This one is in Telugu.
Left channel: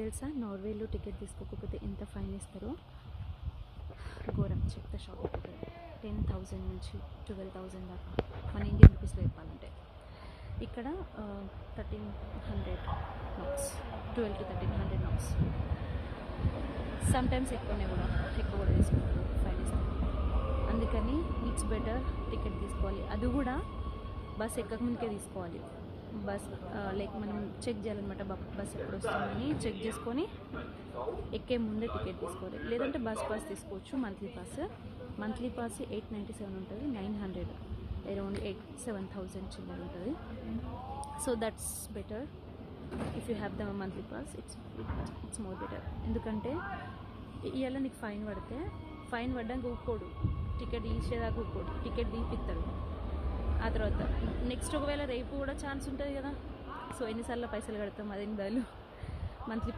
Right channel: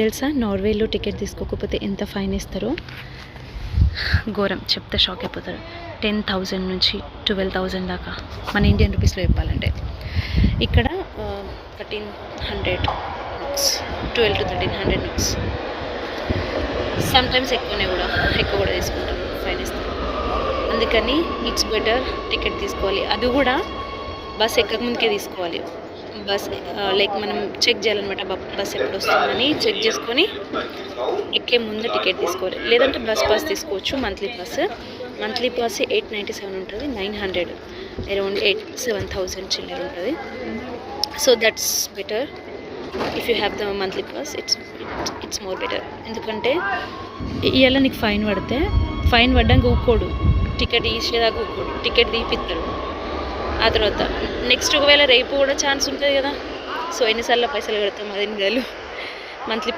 తెలుసా నార్వేలో టికెట్ తీసుకోకపోతే ఎంత ఫైన్ ఇస్తారో? ఘోరం, చెప్తే షాక్ అయిపోతారు. 10,000 నుంచి 12,000 దాకా మన ఇండియన్ రూపీస్లో చెప్పాలంటే. ఇక్కడ 1300 నోట్స్, 12 to 1300 నోట్స్. సమ్టైమ్స్ ఎక్కువ కూడా తీసుకుంటారు, ఫైన్ ఇస్తారు. అందుకని ఇట్స్ బెటర్ టికెట్ తీసుకోవాలి. అది కూడా బస్ ఎక్కక ముందుకే తీసుకోవాలి. బస్ లైక్ మనం చెక్ చేయాలన్నమాట, బస్ ఎప్పుడు వస్తుందని చెక్ చేసుకొని ఎక్కే ముందు టికెట్ తీసుకోవాలి. లేదంటే బస్ పాస్ తీసుకోవచ్చు, మంత్లీ పాస్ 897 ఉంటుంది, 900 అరౌండ్ 7,000 చిల్లర ఉంటుంది. So that's better if you have the monthly pass. It's more better. ఎందుకంటే ఇవాళ నీకు ఫైన్ పడ్డానికి ఊక్కోడు, టికెట్ ఇచ్చేదాకా ఊక్కోడు, టికెట్ తీపిస్తాడు. ఆ తర్వాత నెక్స్ట్ ఒకవేళ రేపు కూడా ఛాన్స్ ఉంటుంది కదా. సో ఎన్నిసార్లు పైసలు కడతాం, 10 నెలలు మంత్లీ